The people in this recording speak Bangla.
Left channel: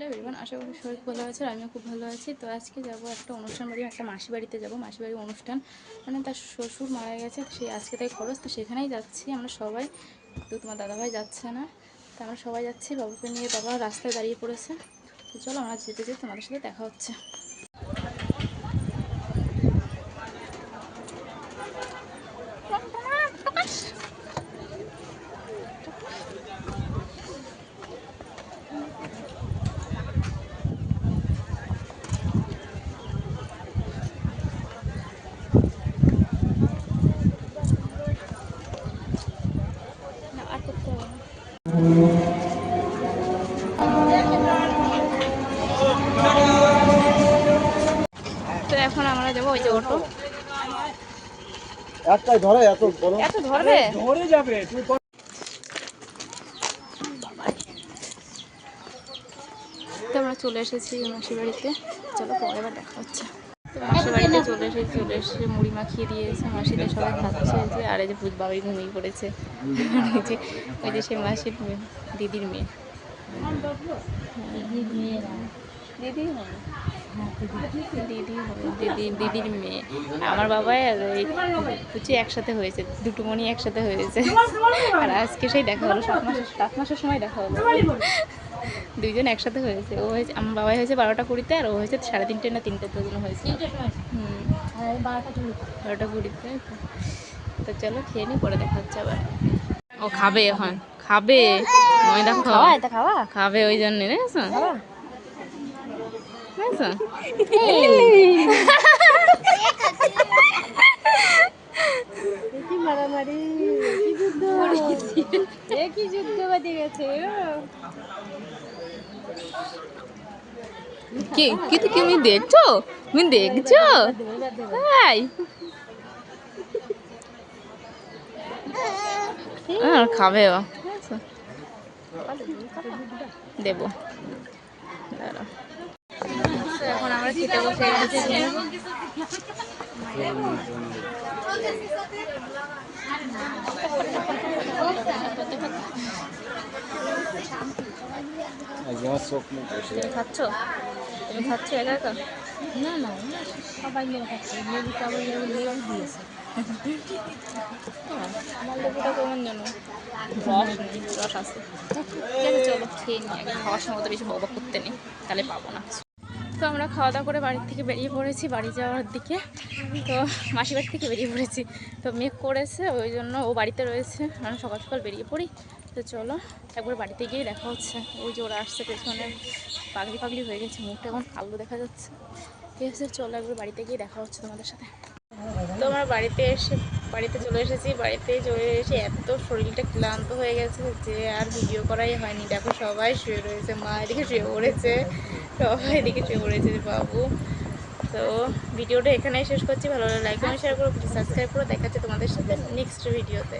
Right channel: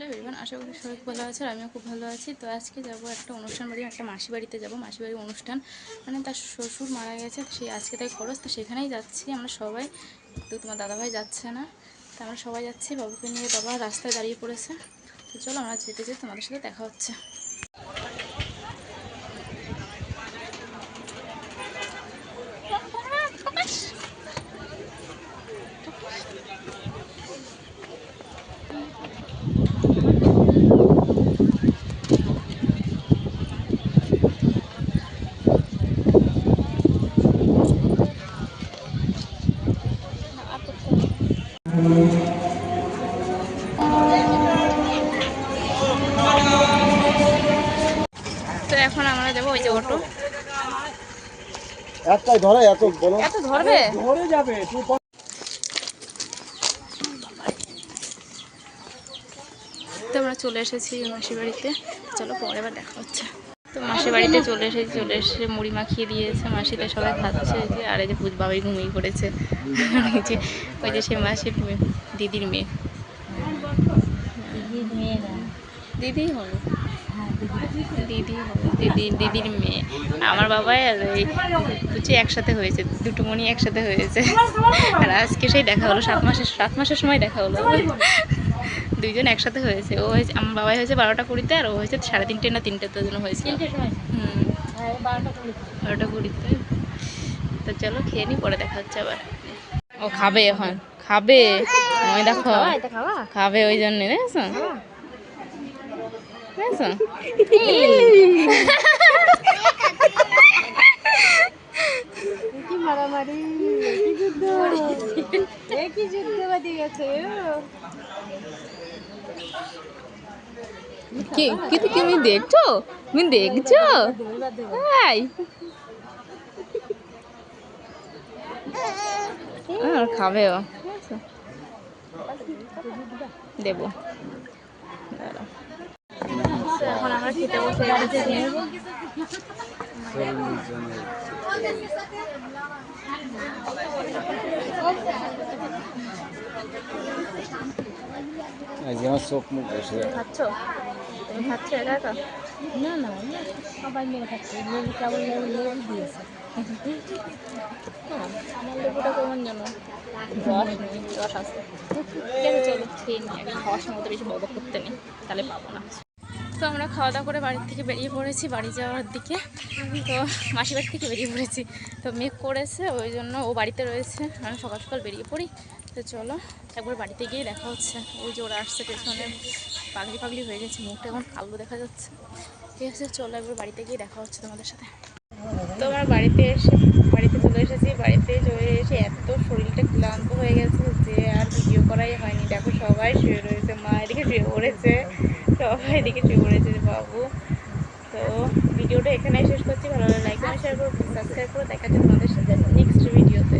হ্যালো এভরিওয়ান আশা করি সবাই ভালো আছে আমিও খুব ভালো আছি। তো আজকে যাব একটা অনুষ্ঠান বাড়ি, একটা মাসি বাড়িতে যাব, মাসি বাড়ির অনুষ্ঠান। মানে তার শ্বশুর মারা গেছে সেই আজকে তাই খরচ, তো সেখানেই যাচ্ছি আমরা সবাই। তো তোমার দাদাভাই যাচ্ছে না, তো আমরা সবাই যাচ্ছি, বাবুকে নিয়ে বাবা রাস্তায় দাঁড়িয়ে পড়েছে। তো চলো আমরা যেতে যেতে তোমাদের সাথে দেখা হচ্ছে। এখন আমরা যাব ওই যে অটো। একটাই ধরে এত বলো এত ধরবে? ধরে যাবে তো আমরা চলে এসেছি মাসির বাড়িতে। চলো পরে আবার দেখা হচ্ছে। তো মাসির বাড়িতে চলে এসেছি চলে এসে মুড়ি মাখিয়ে দিয়েছে। মাসিদের সবাই খাচ্ছে যে আর এই যে পুজ বাবাই ঘুমিয়ে পড়েছে। এই যে ওই যে সে মাসির দিদির মেয়ে। দিদি হবে দিদি দিদি দিদির মেয়ে। আমার বাবাই আর এই পুচি একসাথে হয়েছে দুটো মনি একসাথে হয়েছে। আর আজকে সেই দেখা হলো সাত মাসের সাত মাসের সময় দেখা হলো। দুইজন একসাথে হয়েছে ও হয়েছে আমার বাবাই হয়েছে বারোটা কুড়িতে আর ও হয়েছে সাড়ে তিনটে না তিনটেতে জন্য হয়েছে। হুম। বারোটা কুড়িতে। তো চলো খেয়ে নি পরে দেখা হচ্ছে আবার। ও খাবে এখন খাবে। ওই দেখো খাবে ওই জন্যে বুঝেছ কি? কি কি তুমি দেখছ? তুমি দেখছ? তাই আর খাবে ও। দেবো। দাঁড়াও তো এখন আমরা খেতে বসে গেছি। তুমি খাচ্ছ? তুমি খাচ্ছ একা একা? না না সবাই মিলে খাচ্ছে। লেবু কেবল লেবু লেবু দিয়েছে। আমার লেবুটা কেমন যেন? রস নেই রস আছে। ঠিক আছে চলো খেয়ে নিই। খাওয়ার সময় তো বেশি ববা করতে নেই। তাহলে পাবো না। তো আমরা খাওয়া দাওয়া করে বাড়ির থেকে বেরিয়ে পড়েছি, বাড়ি যাওয়ার দিকে। তো মাসি বাড়ি থেকে বেরিয়ে পড়েছি। তো মেঘ করেছে, ওই জন্য ও বাড়িতে রয়েছে। আমরা সকাল সকাল বেরিয়ে পড়ি। তো চলো, একবার বাড়িতে গিয়ে দেখা হচ্ছে। ওই যে ওরা আসছে পেছনে। পাগলি পাগলি হয়ে গেছে, মুখটা এখন কালো দেখা যাচ্ছে। ঠিক আছে, চলো একবার বাড়িতে গিয়ে দেখা হচ্ছে তোমাদের সাথে। তো আমার বাড়িতে এসে, বাড়িতে চলে এসেছি। বাড়িতে চলে এসে এত শরীরটা ক্লান্ত হয়ে গেছে যে আর ভিডিও করাই হয়নি। দেখো সবাই শুয়ে রয়েছে, মা এদিকে শুয়ে পড়েছে। সবাই এদিকে শুয়ে পড়েছে বাবু। তো ভিডিওটা এখানেই শেষ করছি। ভালো লাগে লাইক কমেন্ট শেয়ার করো সাবস্ক্রাইব করো। দেখা তোমাদের সাথে নেক্সট ভিডিওতে